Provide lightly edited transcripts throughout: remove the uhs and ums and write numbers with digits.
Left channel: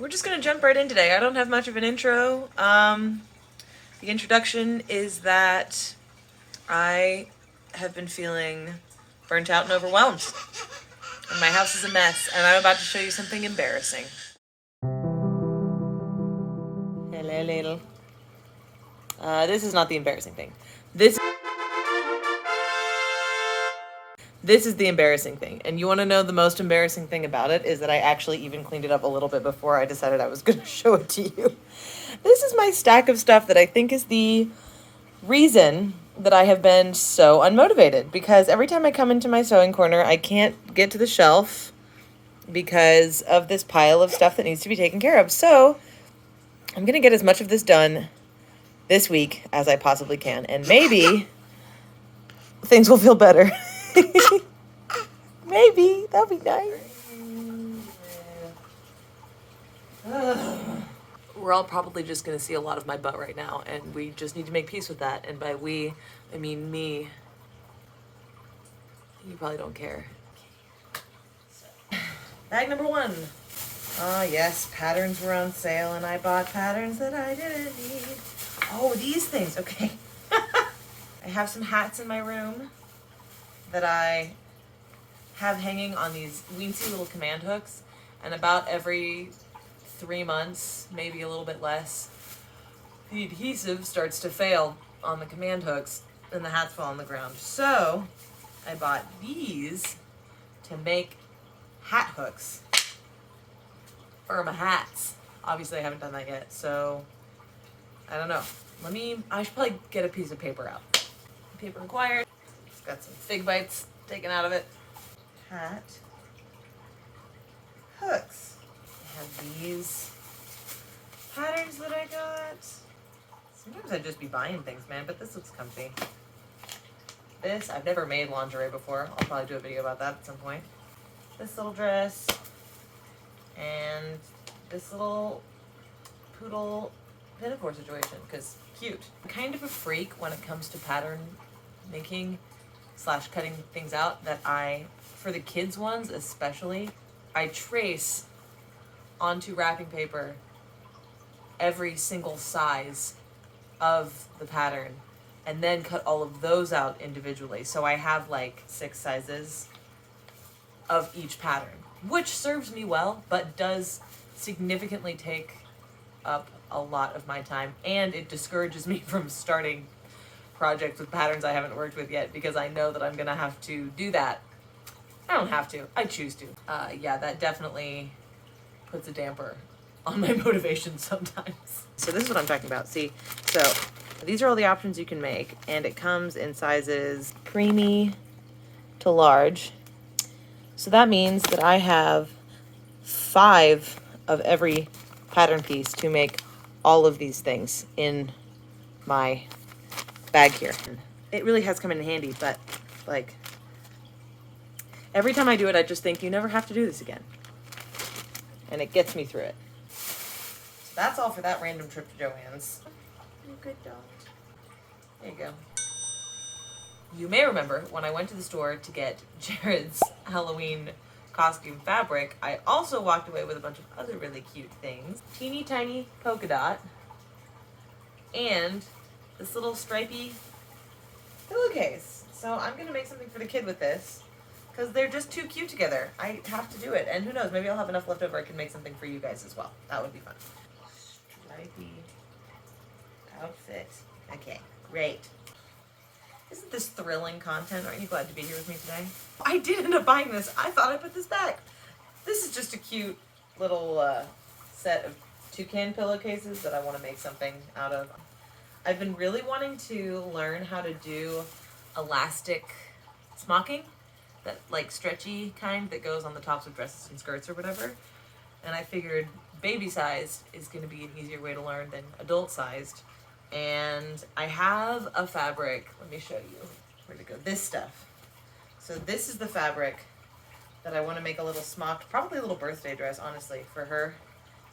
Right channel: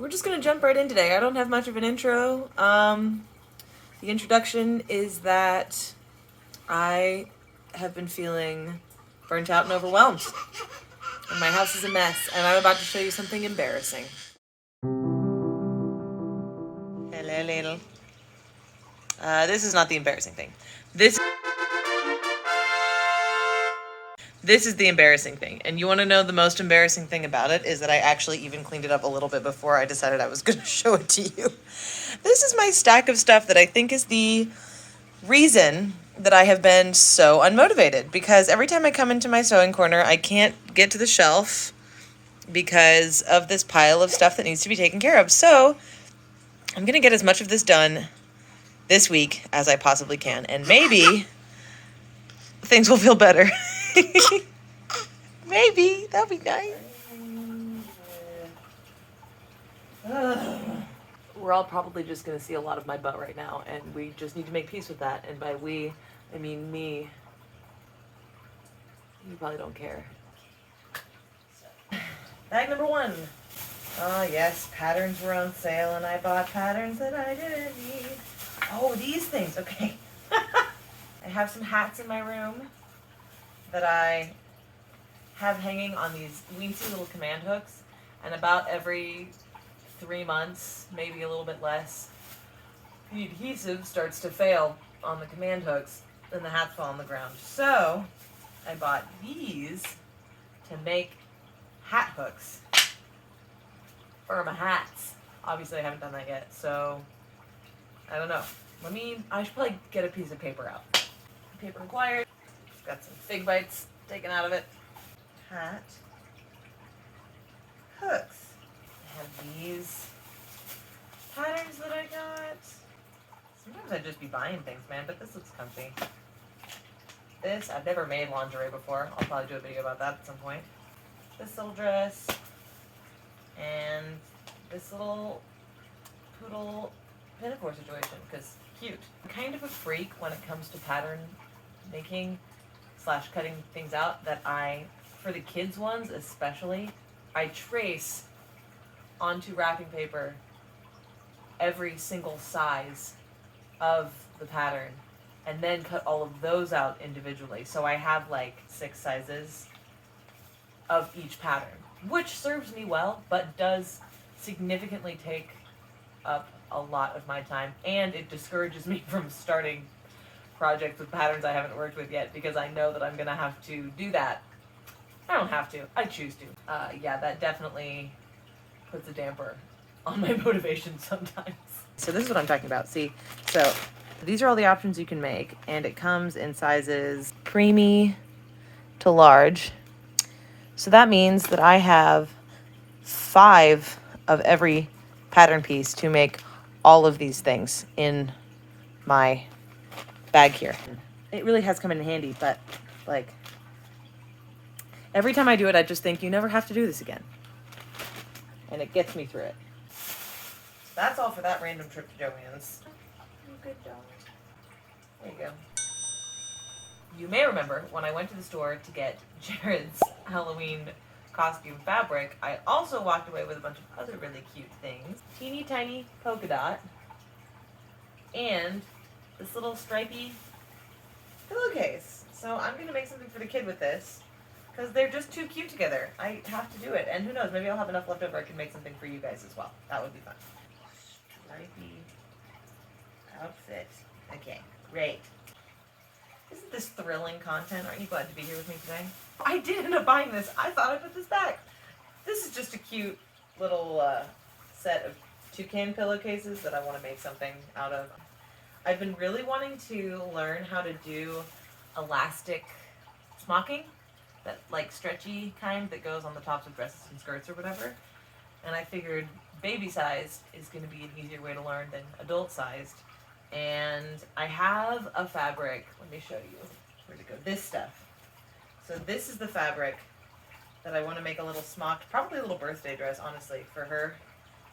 We're just gonna jump right in today. I don't have much of an intro. The introduction is that I have been feeling burnt out and overwhelmed. And my house is a mess, and I'm about to show you something embarrassing. Hello, little. This is not the embarrassing thing. This is the embarrassing thing. And you want to know the most embarrassing thing about it is that I actually even cleaned it up a little bit before I decided I was going to show it to you. This is my stack of stuff that I think is the reason that I have been so unmotivated, because every time I come into my sewing corner, I can't get to the shelf because of this pile of stuff that needs to be taken care of. So I'm going to get as much of this done this week as I possibly can, and maybe things will feel better. Maybe. That'd be nice. We're all probably just going to see a lot of my butt right now, and we just need to make peace with that. And by we, I mean me. You probably don't care. Bag number 1. Oh, yes, patterns were on sale, and I bought patterns that I didn't need. Oh, these things. Okay. I have some hats in my room that I have hanging on these weensy little command hooks, and about every 3 months, maybe a little bit less, the adhesive starts to fail on the command hooks and the hats fall on the ground. So I bought these to make hat hooks for my hats. Obviously I haven't done that yet, so I don't know. I should probably get a piece of paper out. Paper required. It's got some fig bites taken out of it. Hat hooks. I have these patterns that I got. Sometimes I'd just be buying things, man, but this looks comfy. This, I've never made lingerie before. I'll probably do a video about that at some point. This little dress. And this little poodle pinafore situation, because cute. I'm kind of a freak when it comes to pattern making / cutting things out, that for the kids ones especially, I trace onto wrapping paper every single size of the pattern and then cut all of those out individually. So I have like 6 sizes of each pattern, which serves me well, but does significantly take up a lot of my time, and it discourages me from starting projects with patterns I haven't worked with yet, because I know that I'm gonna have to do that. I don't have to, I choose to. Yeah, that definitely puts a damper on my motivation sometimes. So this is what I'm talking about. See, so these are all the options you can make, and it comes in sizes preemie to large. So that means that I have 5 of every pattern piece to make all of these things in my bag here. It really has come in handy, but like every time I do it, I just think you never have to do this again. And it gets me through it. So that's all for that random trip to Joann's. Good dog. There you go. You may remember when I went to the store to get Jared's Halloween costume fabric, I also walked away with a bunch of other really cute things. Teeny tiny polka dot and this little stripy pillowcase. So I'm going to make something for the kid with this, because they're just too cute together. I have to do it. And who knows, maybe I'll have enough left over I can make something for you guys as well. That would be fun. Stripy outfit. Okay, great. Isn't this thrilling content? Aren't you glad to be here with me today? I did end up buying this. I thought I put this back. This is just a cute little set of toucan pillowcases that I want to make something out of. I've been really wanting to learn how to do elastic smocking, that like stretchy kind that goes on the tops of dresses and skirts or whatever. And I figured baby sized is going to be an easier way to learn than adult sized. And I have a fabric. Let me show you. Where'd it go? This stuff. So this is the fabric that I want to make a little smocked, probably a little birthday dress, honestly, for her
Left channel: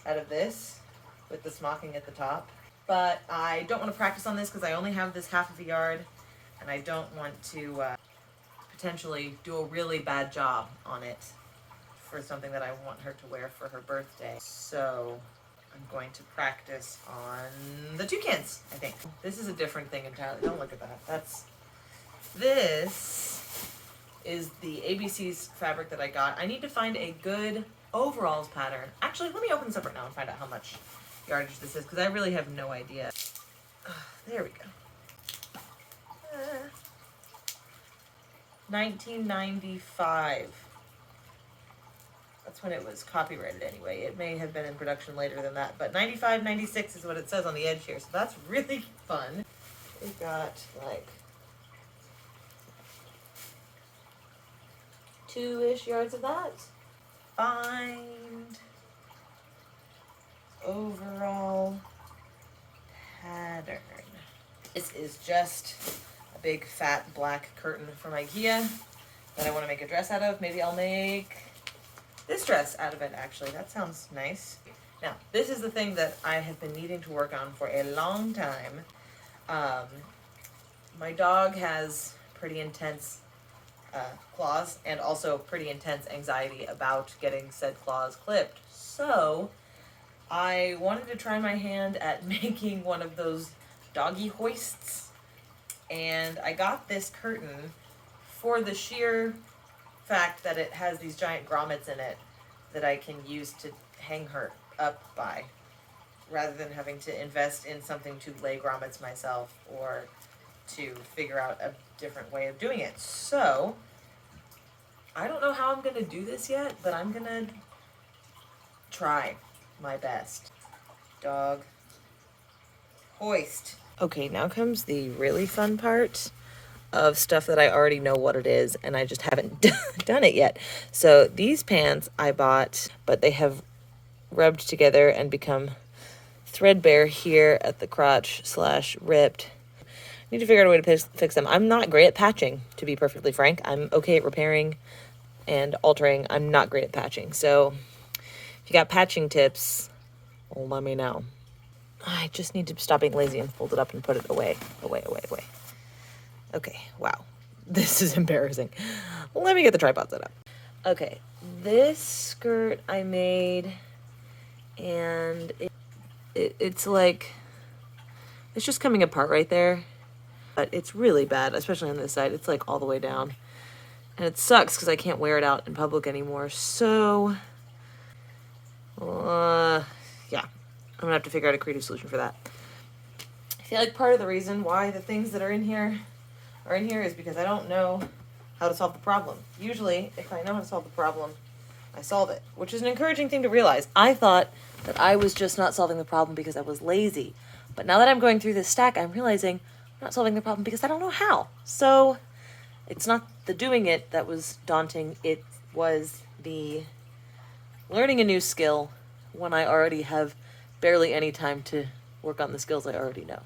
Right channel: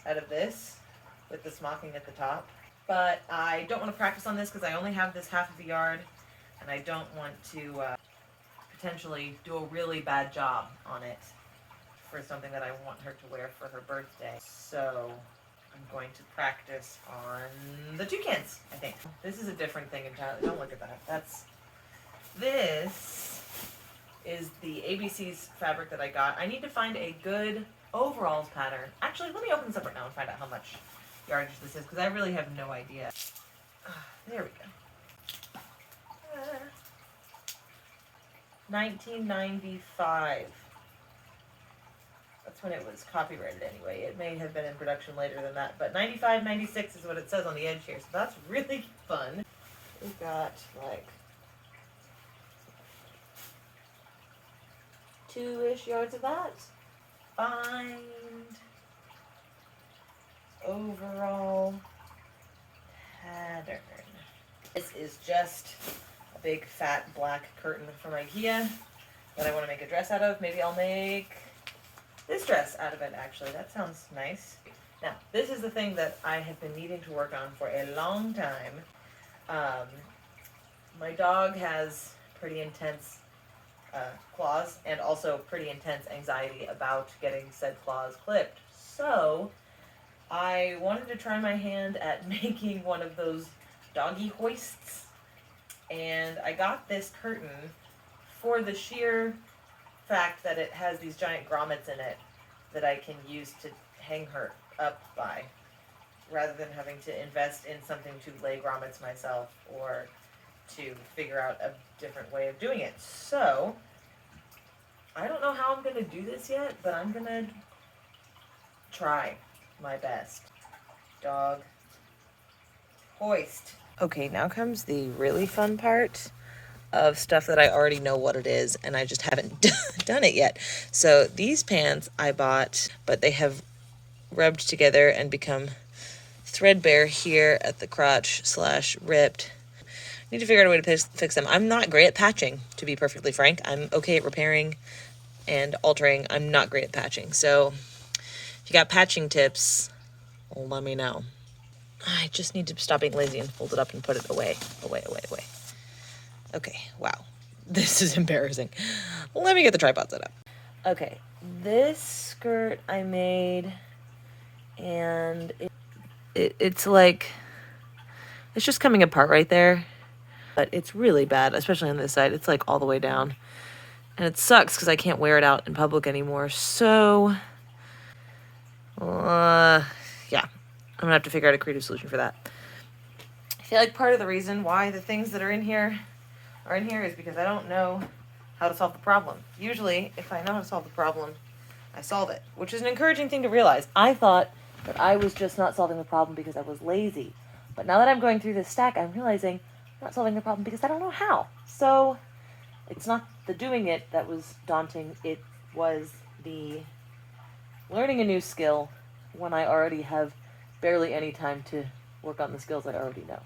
out of this with the smocking at the top. But I don't want to practice on this because I only have this half of a yard, and I don't want to potentially do a really bad job on it for something that I want her to wear for her birthday. So I'm going to practice on the toucans, I think. This is a different thing entirely. Don't look at that. This is the ABC's fabric that I got. I need to find a good overalls pattern. Actually, let me open this up right now and find out how much yardage this is, because I really have no idea. There we go. 1995. That's when it was copyrighted anyway. It may have been in production later than that, but 95, 96 is what it says on the edge here, so that's really fun. We got like 2-ish yards of that. Find overall pattern. This is just a big fat black curtain from IKEA that I want to make a dress out of. Maybe I'll make this dress out of it, actually. That sounds nice. Now, this is the thing that I have been needing to work on for a long time. My dog has pretty intense claws and also pretty intense anxiety about getting said claws clipped. So I wanted to try my hand at making one of those doggy hoists, and I got this curtain for the sheer fact that it has these giant grommets in it that I can use to hang her up by, rather than having to invest in something to lay grommets myself or to figure out a different way of doing it. So I don't know how I'm gonna do this yet, but I'm gonna try my best. Dog hoist. Okay, now comes the really fun part of stuff that I already know what it is, and I just haven't done it yet. So these pants I bought, but they have rubbed together and become threadbare here at the crotch / ripped. Need to figure out a way to fix them. I'm not great at patching, to be perfectly frank. I'm okay at repairing and altering. I'm not great at patching. So if you got patching tips, well, let me know. I just need to stop being lazy and fold it up and put it away. Okay, wow. This is embarrassing. Let me get the tripod set up. Okay, this skirt I made, and it's like, it's just coming apart right there. But it's really bad, especially on this side. It's like all the way down. And it sucks because I can't wear it out in public anymore. So, yeah, I'm gonna have to figure out a creative solution for that. I feel like part of the reason why the things that are in here is because I don't know how to solve the problem. Usually, if I know how to solve the problem, I solve it, which is an encouraging thing to realize. I thought that I was just not solving the problem because I was lazy. But now that I'm going through this stack, I'm realizing I'm not solving the problem because I don't know how. So it's not the doing it that was daunting. It was the learning a new skill when I already have barely any time to work on the skills I already know.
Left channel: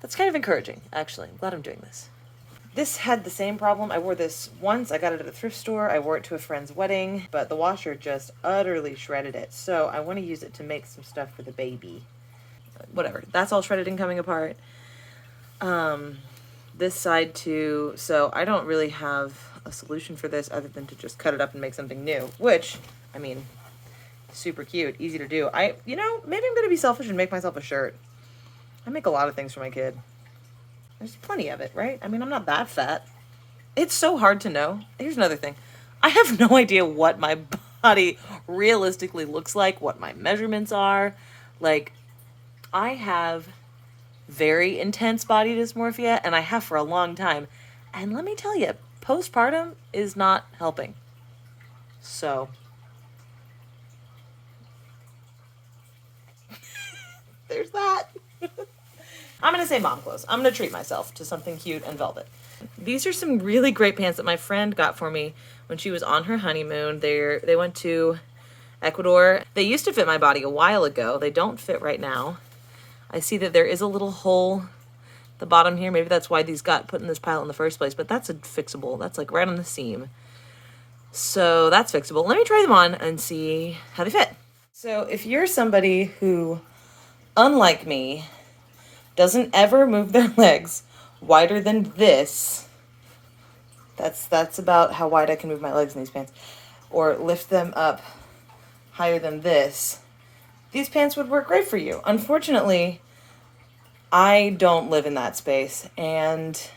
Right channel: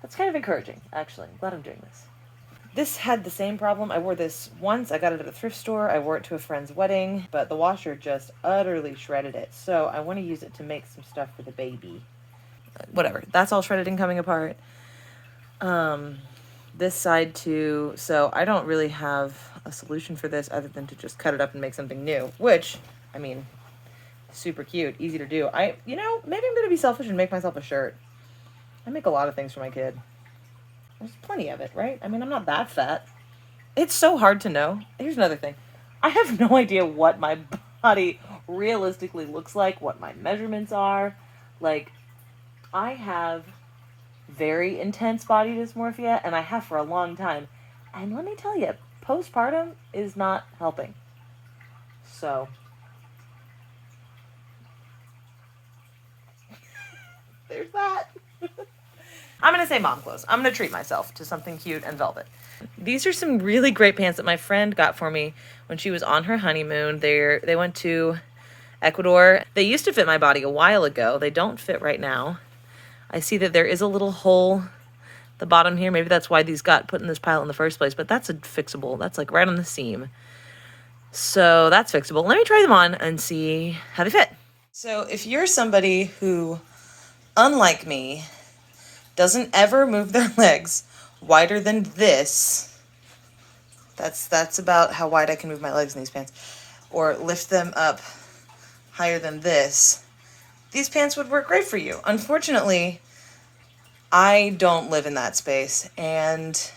That's kind of encouraging, actually. I'm glad I'm doing this. This had the same problem. I wore this once. I got it at a thrift store. I wore it to a friend's wedding, but the washer just utterly shredded it. So I want to use it to make some stuff for the baby. Whatever. That's all shredded and coming apart. This side too. So I don't really have a solution for this other than to just cut it up and make something new, which, I mean, super cute, easy to do. Maybe I'm going to be selfish and make myself a shirt. I make a lot of things for my kid. There's plenty of it, right? I mean, I'm not that fat. It's so hard to know. Here's another thing. I have no idea what my body realistically looks like, what my measurements are. Like, I have very intense body dysmorphia, and I have for a long time. And let me tell you, postpartum is not helping. So, there's that. I'm going to say mom clothes. I'm going to treat myself to something cute and velvet. These are some really great pants that my friend got for me when she was on her honeymoon. They went to Ecuador. They used to fit my body a while ago. They don't fit right now. I see that there is a little hole at the bottom here. Maybe that's why these got put in this pile in the first place, but that's a fixable. That's like right on the seam. So that's fixable. Let me try them on and see how they fit. So if you're somebody who, unlike me, doesn't ever move their legs wider than this, that's about how wide I can move my legs in these pants. or lift them up higher than this, these pants would work great for you. Unfortunately, I don't live in that space, and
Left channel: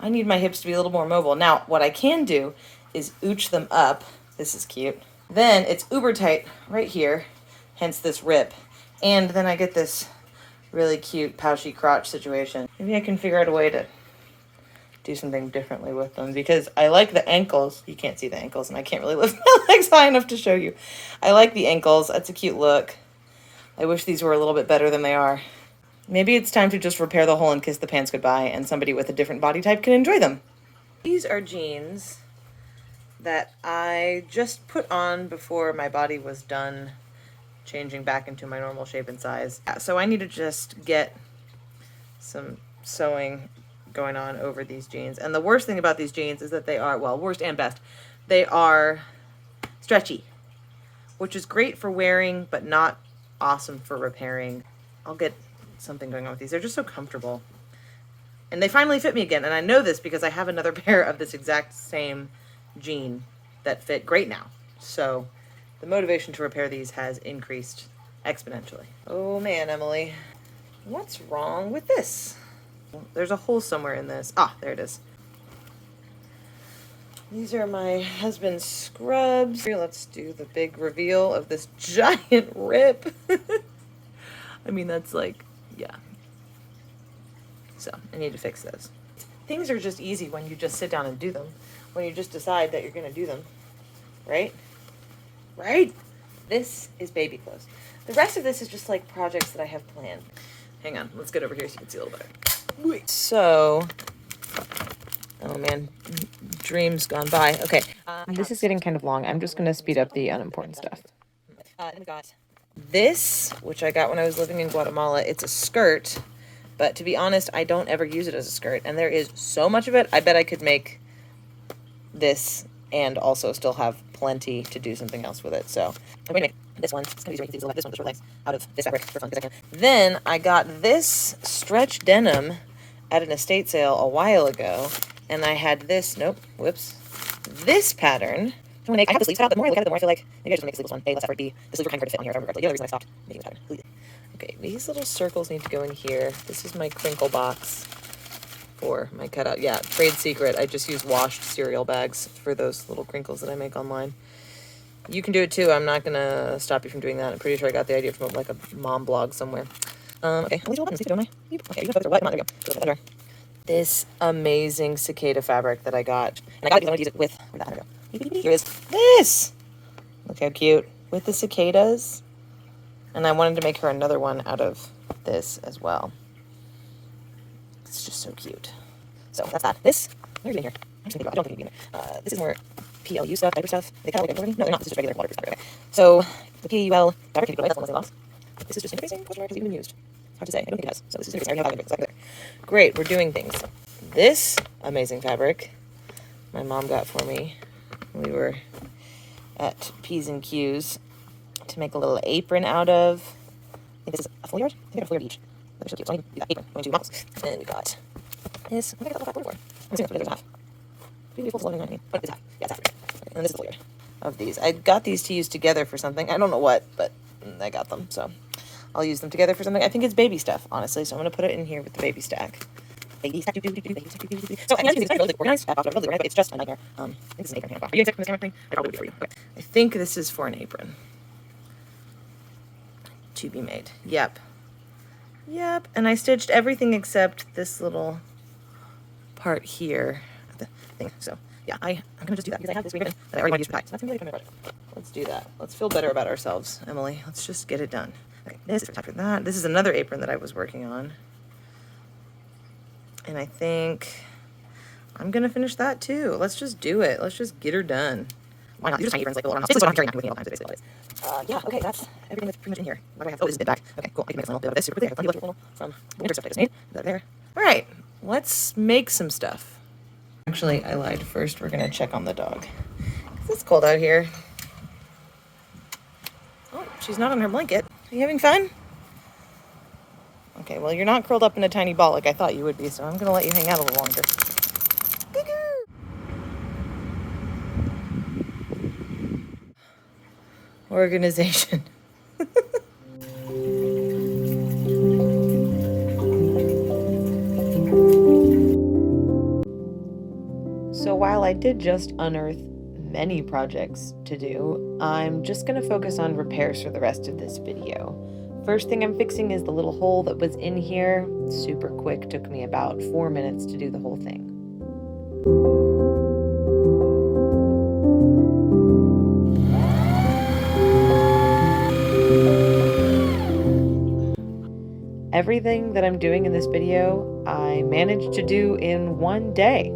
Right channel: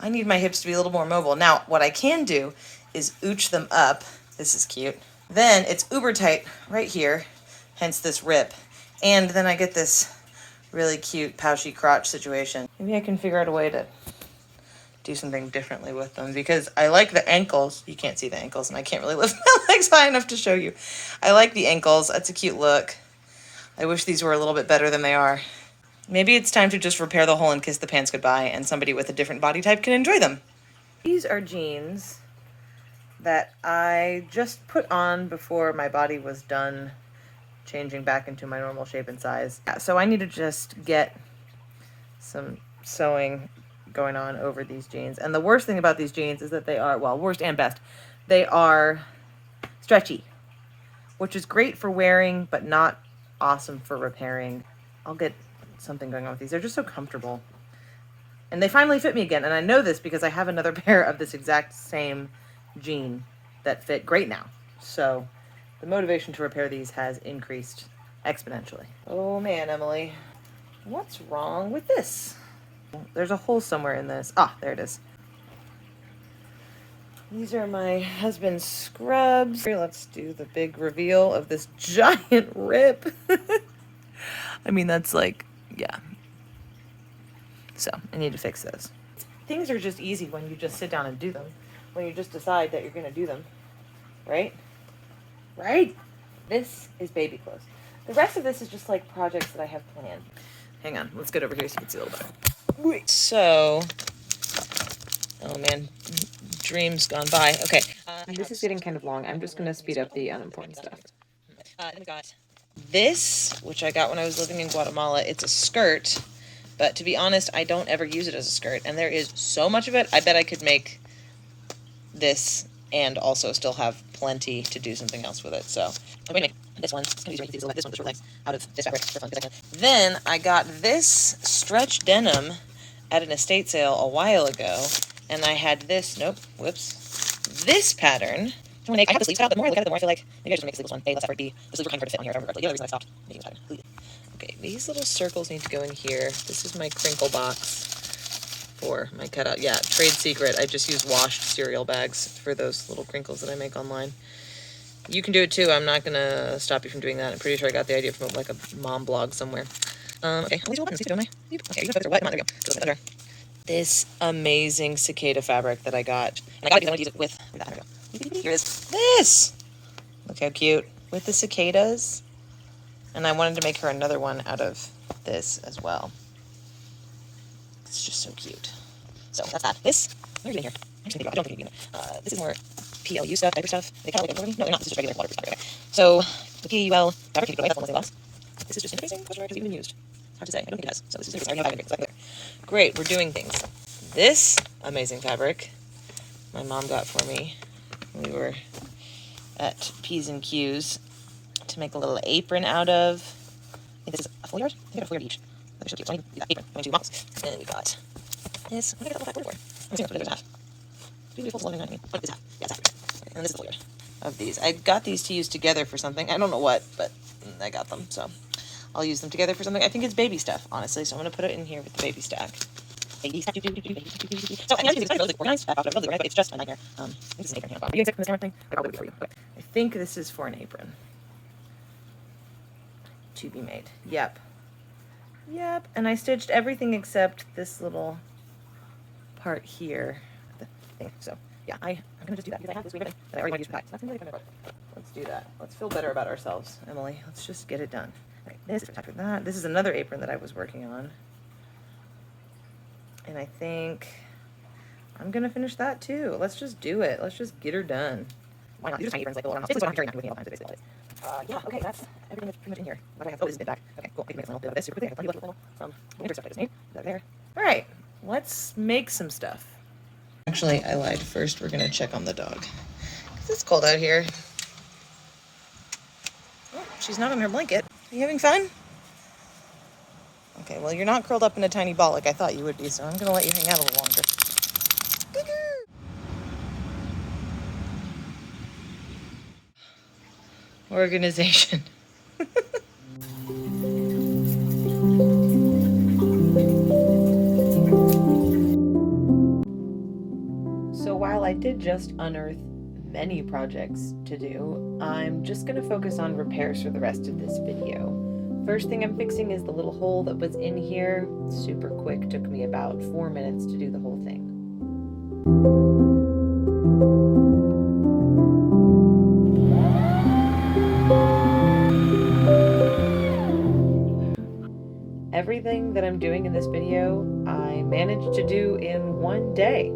I need my hips to be a little more mobile. Now, what I can do is ooch them up. This is cute. Then it's uber tight right here, hence this rip. And then I get this really cute pouchy crotch situation. Maybe I can figure out a way to do something differently with them, because I like the ankles. You can't see the ankles, and I can't really lift my legs high enough to show you. I like the ankles. That's a cute look. I wish these were a little bit better than they are. Maybe it's time to just repair the hole and kiss the pants goodbye, and somebody with a different body type can enjoy them. These are jeans that I just put on before my body was done changing back into my normal shape and size. So I need to just get some sewing going on over these jeans. And the worst thing about these jeans is that they are, well, worst and best, they are stretchy, which is great for wearing, but not awesome for repairing. I'll get something going on with these. They're just so comfortable. And they finally fit me again. And I know this because I have another pair of this exact same jean that fit great now. So the motivation to repair these has increased exponentially. Oh man, Emily, what's wrong with this? There's a hole somewhere in this. Ah, there it is. These are my husband's scrubs. Let's do the big reveal of this giant rip. I mean, that's like, yeah. So I need to fix those. Things are just easy when you just sit down and do them. When you just decide that you're going to do them. Right? Right? This is baby clothes. The rest of this is just like projects that I have planned. Hang on. Let's get over here so you can see a little better. Wait. So, oh man, dreams gone by. Okay. This is getting kind of long. I'm just going to speed up the unimportant stuff. Then we got this, which I got when I was living in Guatemala. It's a skirt, but to be honest, I don't ever use it as a skirt, and there is so much of it. I bet I could make this and also still have plenty to do something else with it. So I'm going to make this one. It's going to be easy to this one just legs out of this fabric for fun. Then I got this stretch denim at an estate sale a while ago, and I had this, this pattern. I have the sleeves cut out, but the more I look at it, the more I feel like maybe I just make the sleeveless one. A, less effort. B, the sleeves were kind of hard to fit on here if I remember correctly. The other reason I stopped making this pattern. Okay, these little circles need to go in here. This is my crinkle box for my cutout. Yeah, trade secret. I just use washed cereal bags for those little crinkles that I make online. You can do it too. I'm not going to stop you from doing that. I'm pretty sure I got the idea from like a mom blog somewhere. Okay, all these are buttons, don't I? Okay, you can focus. Come on, there we go. This amazing cicada fabric that I got. And I got it because I want to use it with, where'd that one go? Here it is. This! Look how cute. With the cicadas. And I wanted to make her another one out of this as well. It's just so cute. So that's that. This, where's it in here? I'm just gonna think about it. I don't think it's in here. This is more PLU stuff, diaper stuff. They kind of like, no, they're not. This is just regular waterproof fabric. Okay. So the PUL fabric can go away. That's one less they lost. This is just interfacing. Question mark has even been used. Hard to say. I don't think it has. So this is interfacing. I already have fabric. Great. We're doing things. This amazing fabric my mom got for me. We were at P's and Q's to make a little apron out of. I think this is a full yard. I think I got a full yard each. That was so cute. So I need that apron. I went to models. And then we got this. What did I get a little fat border for? I'm just going to put it in half. Beautiful floating on me. But it's half. Yeah, it's half. And this is the full yard of these. I got these to use together for something. I don't know what, but I got them. So I'll use them together for something. I think it's baby stuff, honestly. So I'm going to put it in here with the baby stack. Baby stack. So I mean, it's really organized. It's just a nightmare. I think it's an apron here. Are you excited for this camera thing? I probably would be for you. Okay. I think this is for an apron. To be made. Yep. And I stitched everything except this little part here. The thing. So yeah, I'm gonna just do that because I have this apron that I already want to use for that. So that's gonna be really fun project. Let's do that. Let's feel better about ourselves, Emily. Let's just get it done. Okay, this is for that. This is another apron that I was working on. And I think I'm gonna finish that too. Let's just do it. Let's just get her done. Why not? These are tiny aprons like the little round house. Basically, so I don't carry with me all the time. So basically, yeah. Okay, that's everything that's pretty much in here. What do I have? Oh, this is it back. Okay, cool. I can make a little bit of this super quickly. I have plenty left little from the winter stuff I just made. That there. All right, let's make some stuff. Actually, I lied. First, we're gonna check on the dog. It's cold out here. Oh, she's not on her blanket. Are you having fun? Okay, well, you're not curled up in a tiny ball like I thought you would be, so I'm going to let you hang out a little longer. organization. So while I did just unearth many projects to do, I'm just going to focus on repairs for the rest of this video. First thing I'm fixing is the little hole that was in here. Super quick, took me about 4 minutes to do the whole thing. Everything that I'm doing in this video, I managed to do in one day.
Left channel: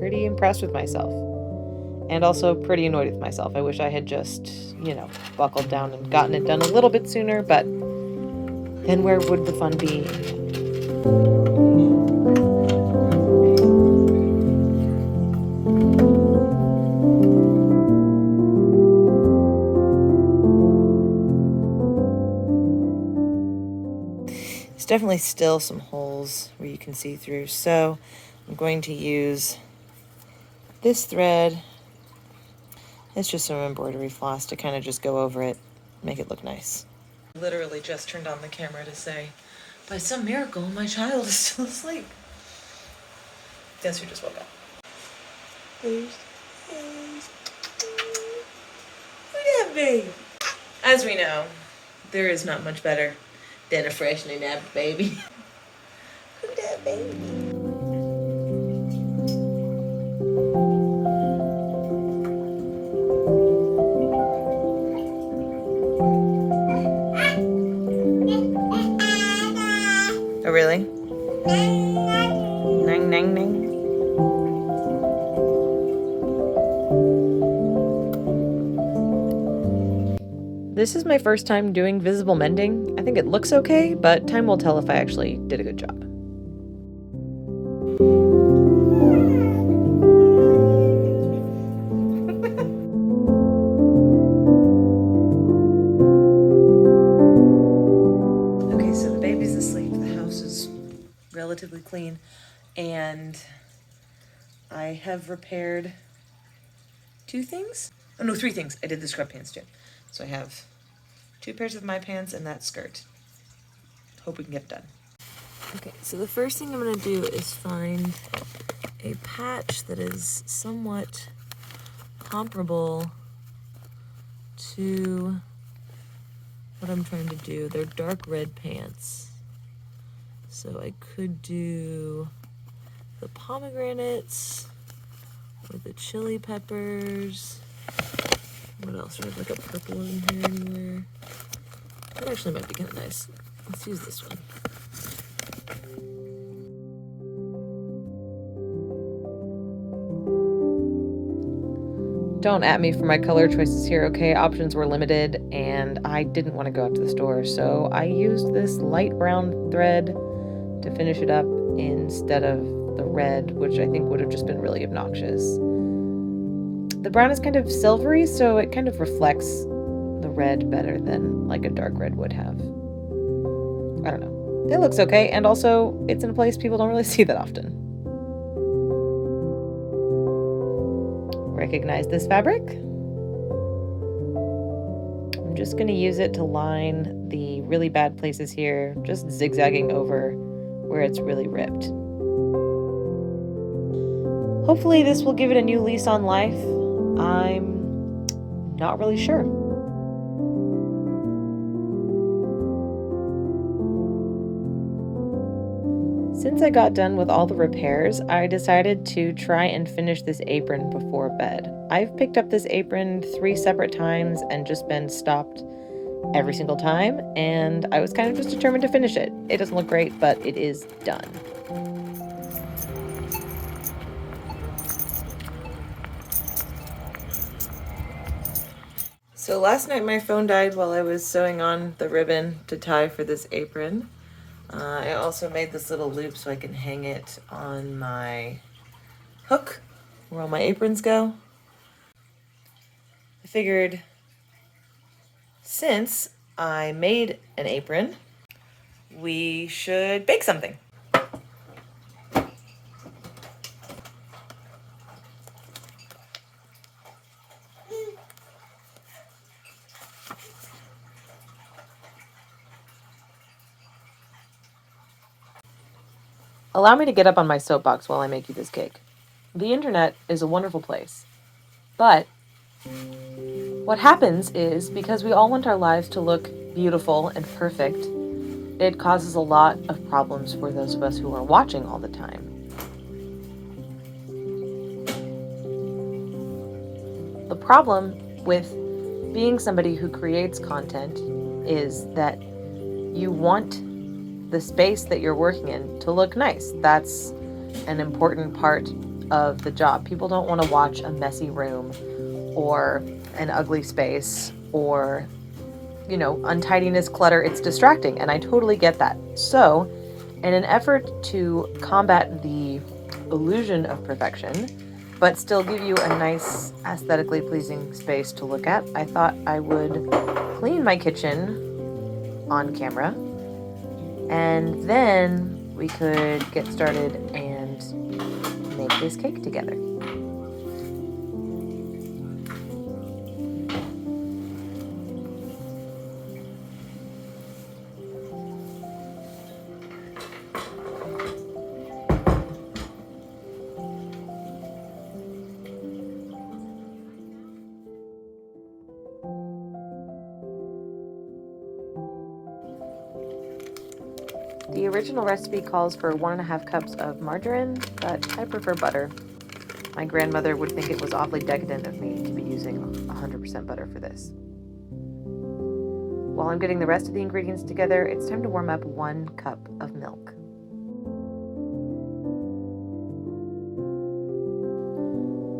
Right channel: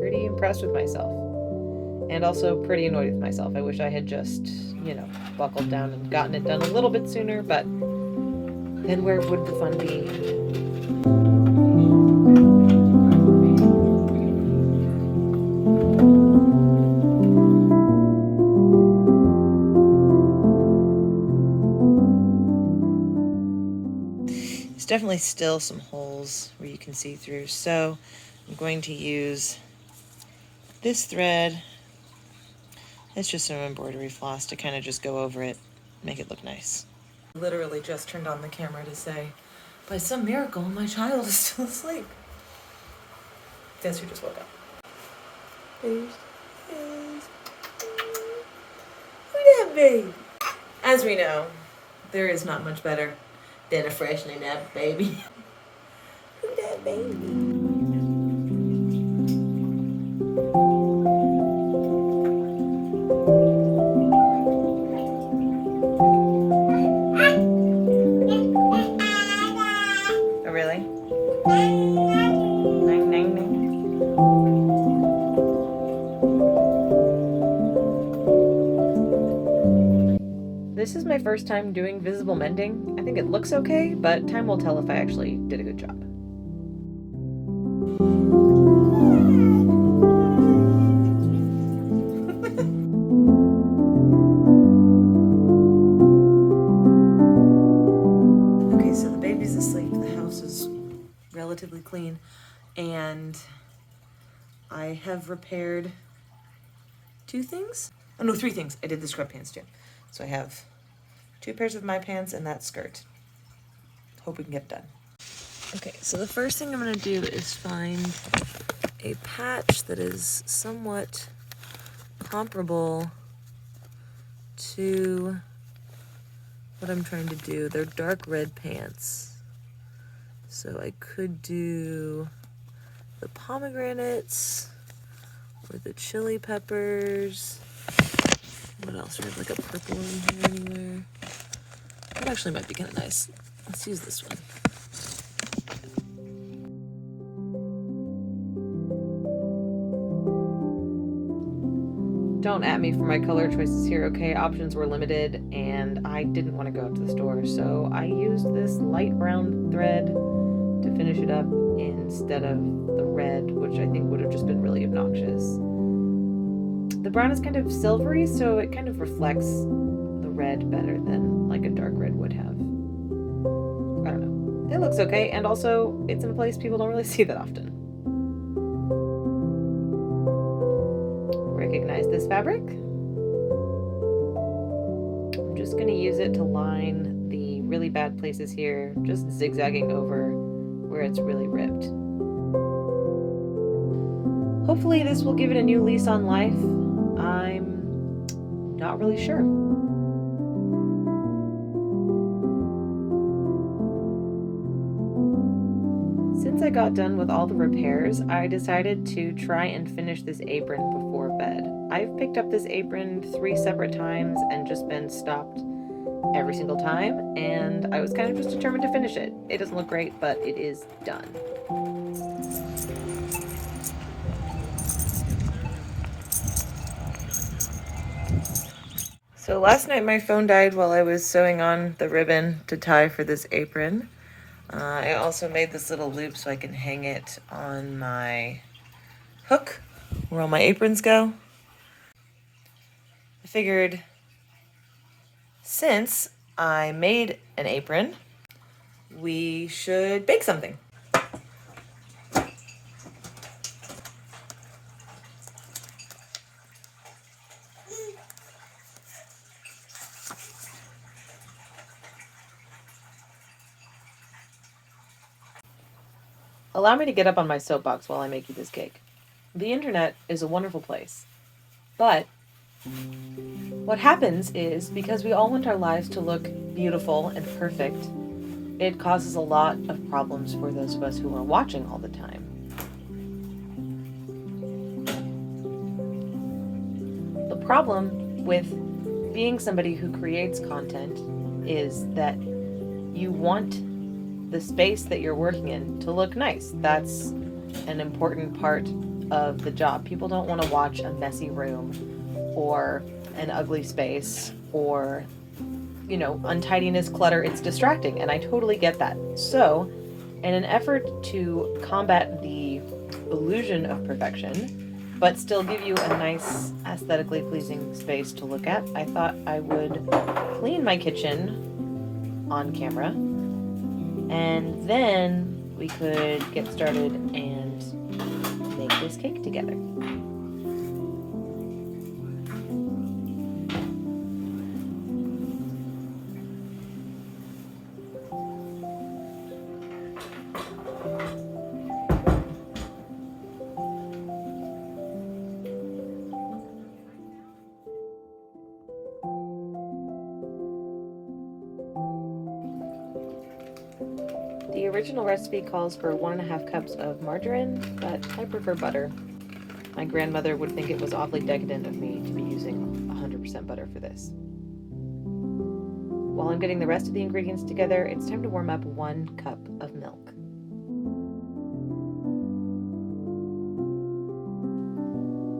Pretty impressed with myself. And also pretty annoyed with myself. I wish I had just, buckled down and gotten it done a little bit sooner, but then where would the fun be? There's definitely still some holes where you can see through, so I'm going to use this thread. It's just some embroidery floss to kind of just go over it, make it look nice. Literally just turned on the camera to say, by some miracle, my child is still asleep. Guess who just woke up? Who's that baby? As we know, there is not much better than a freshening nap baby. Who's that baby? Really? Nang, nang, nang. This is my first time doing visible mending. I think it looks okay, but time will tell if I actually did a good job. Okay, so the baby's asleep. The house is relatively clean, and I have repaired 2 things. Oh no, 3 things. I did the scrub pants too. So I have 2 pairs of my pants and that skirt. Hope we can get it done. Okay, so the first thing I'm gonna do is find a patch that is somewhat comparable to what I'm trying to do. They're dark red pants. So I could do the pomegranates or the chili peppers. What else? We have like a purple in here anywhere. That actually might be kind of nice. Let's use this one. Don't at me for my color choices here, okay? Options were limited and I didn't want to go out to the store, so I used this light brown thread to finish it up instead of the red, which I think would have just been really obnoxious. The brown is kind of silvery, so it kind of reflects the red better than like a dark red would have. I don't know. It looks okay, and also it's in a place people don't really see that often. Recognize this fabric? I'm just going to use it to line the really bad places here, just zigzagging over where it's really ripped. Hopefully this will give it a new lease on life. I'm not really sure. Since I got done with all the repairs, I decided to try and finish this apron before bed. I've picked up this apron 3 separate times and just been stopped every single time, and I was kind of just determined to finish it. It doesn't look great, but it is done. So last night my phone died while I was sewing on the ribbon to tie for this apron. I also made this little loop so I can hang it on my hook where all my aprons go. I figured since I made an apron, we should bake something. Allow me to get up on my soapbox while I make you this cake. The internet is a wonderful place, but what happens is, because we all want our lives to look beautiful and perfect, it causes a lot of problems for those of us who are watching all the time. The problem with being somebody who creates content is that you want the space that you're working in to look nice. That's an important part of the job. People don't want to watch a messy room or an ugly space or, untidiness, clutter. It's distracting, and I totally get that. So, in an effort to combat the illusion of perfection, but still give you a nice, aesthetically pleasing space to look at, I thought I would clean my kitchen on camera, and then we could get started and make this cake together. The original recipe calls for 1.5 cups of margarine, but I prefer butter. My grandmother would think it was awfully decadent of me to be using 100% butter for this. While I'm getting the rest of the ingredients together, it's time to warm up 1 cup of milk.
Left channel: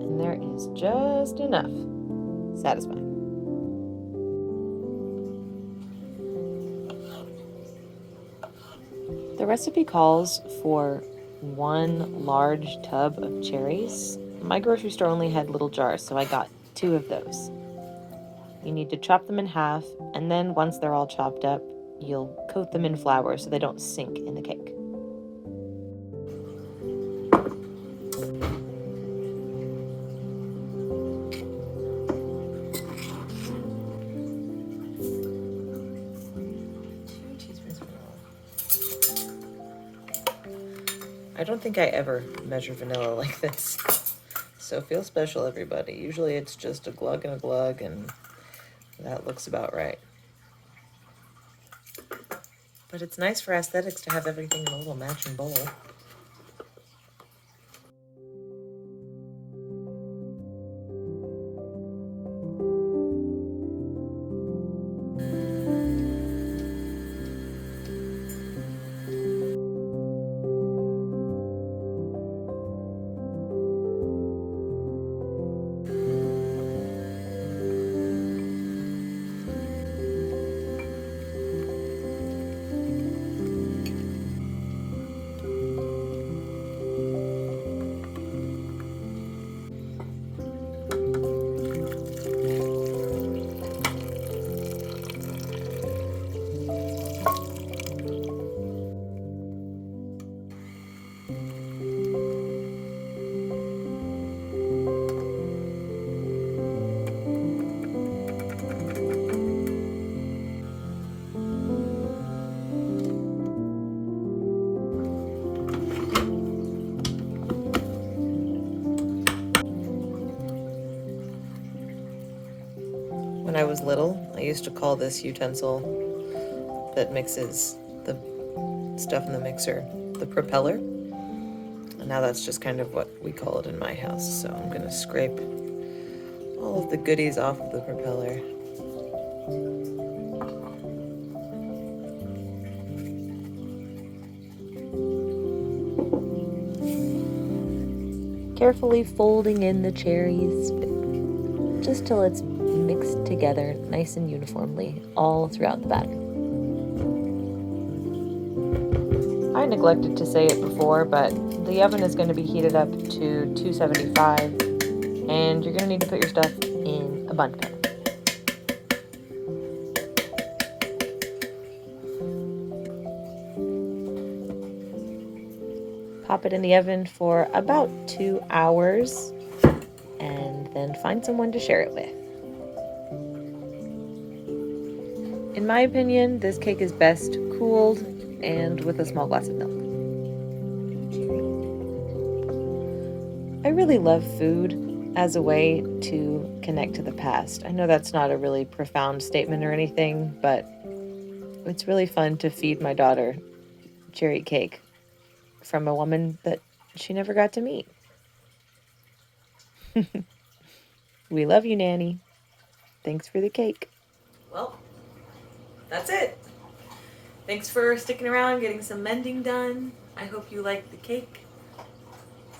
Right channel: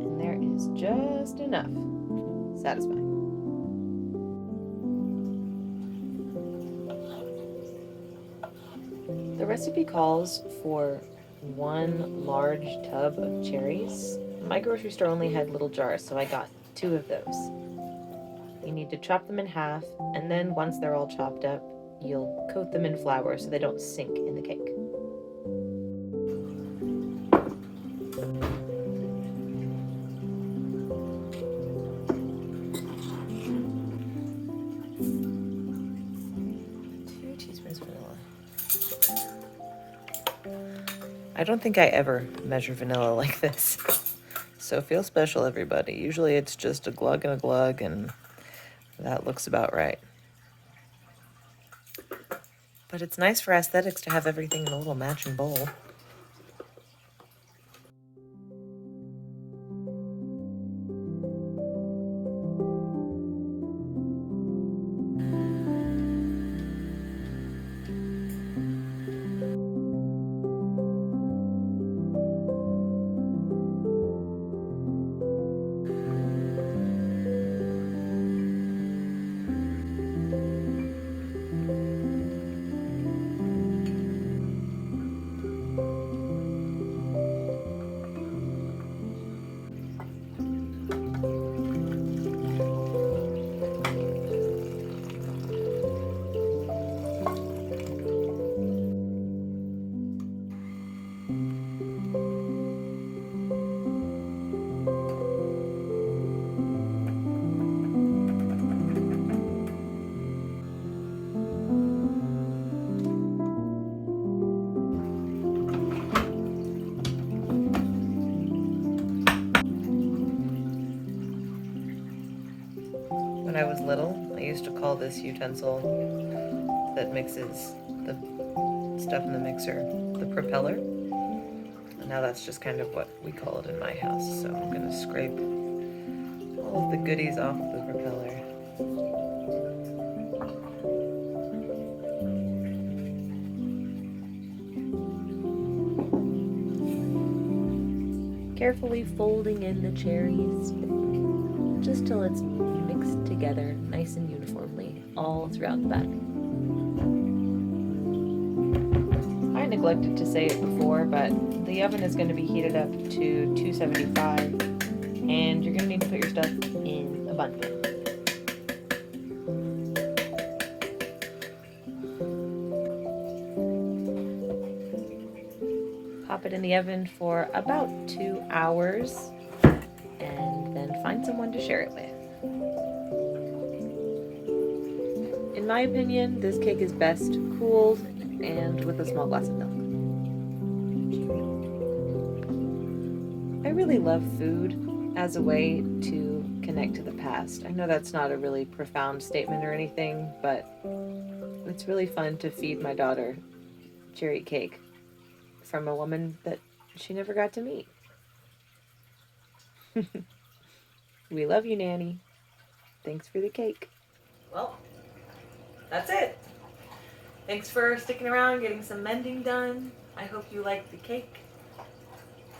And there is just enough. Satisfying. The recipe calls for 1 large tub of cherries. My grocery store only had little jars, so I got 2 of those. You need to chop them in half, and then once they're all chopped up, you'll coat them in flour so they don't sink in the cake. I don't think I ever measure vanilla like this, so feel special, everybody. Usually it's just a glug and a glug, and that looks about right. But it's nice for aesthetics to have everything in a little matching bowl. When I was little, I used to call this utensil that mixes the stuff in the mixer the propeller. And now that's just kind of what we call it in my house. So I'm going to scrape all of the goodies off of the propeller. Carefully folding in the cherries, just till it's mixed together nice and uniformly all throughout the batter. I neglected to say it before, but the oven is going to be heated up to 275, and you're going to need to put your stuff in a bundt pan. Pop it in the oven for about 2 hours, and then find someone to share it with. In my opinion, this cake is best cooled and with a small glass of milk. really love food as a way to connect to the past. I know that's not a really profound statement or anything, but it's really fun to feed my daughter cherry cake from a woman that she never got to meet. We love you, Nanny. Thanks for the cake. Well, that's it. Thanks for sticking around, getting some mending done. I hope you liked the cake.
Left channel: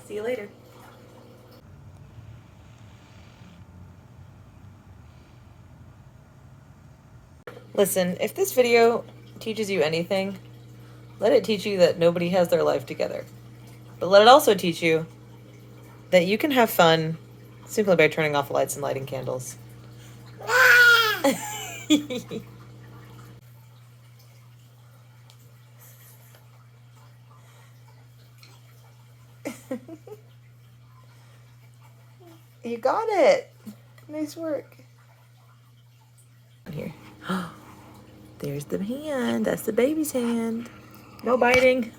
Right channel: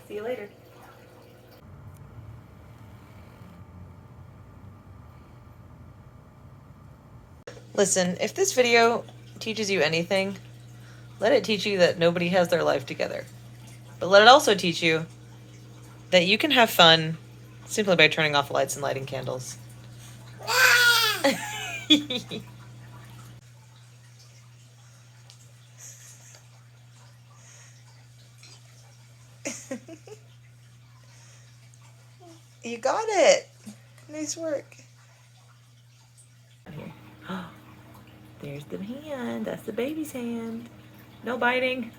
See you later. Listen, if this video teaches you anything, let it teach you that nobody has their life together. But let it also teach you that you can have fun simply by turning off lights and lighting candles. You got it. Nice work. Here. There's the hand. That's the baby's hand. No biting.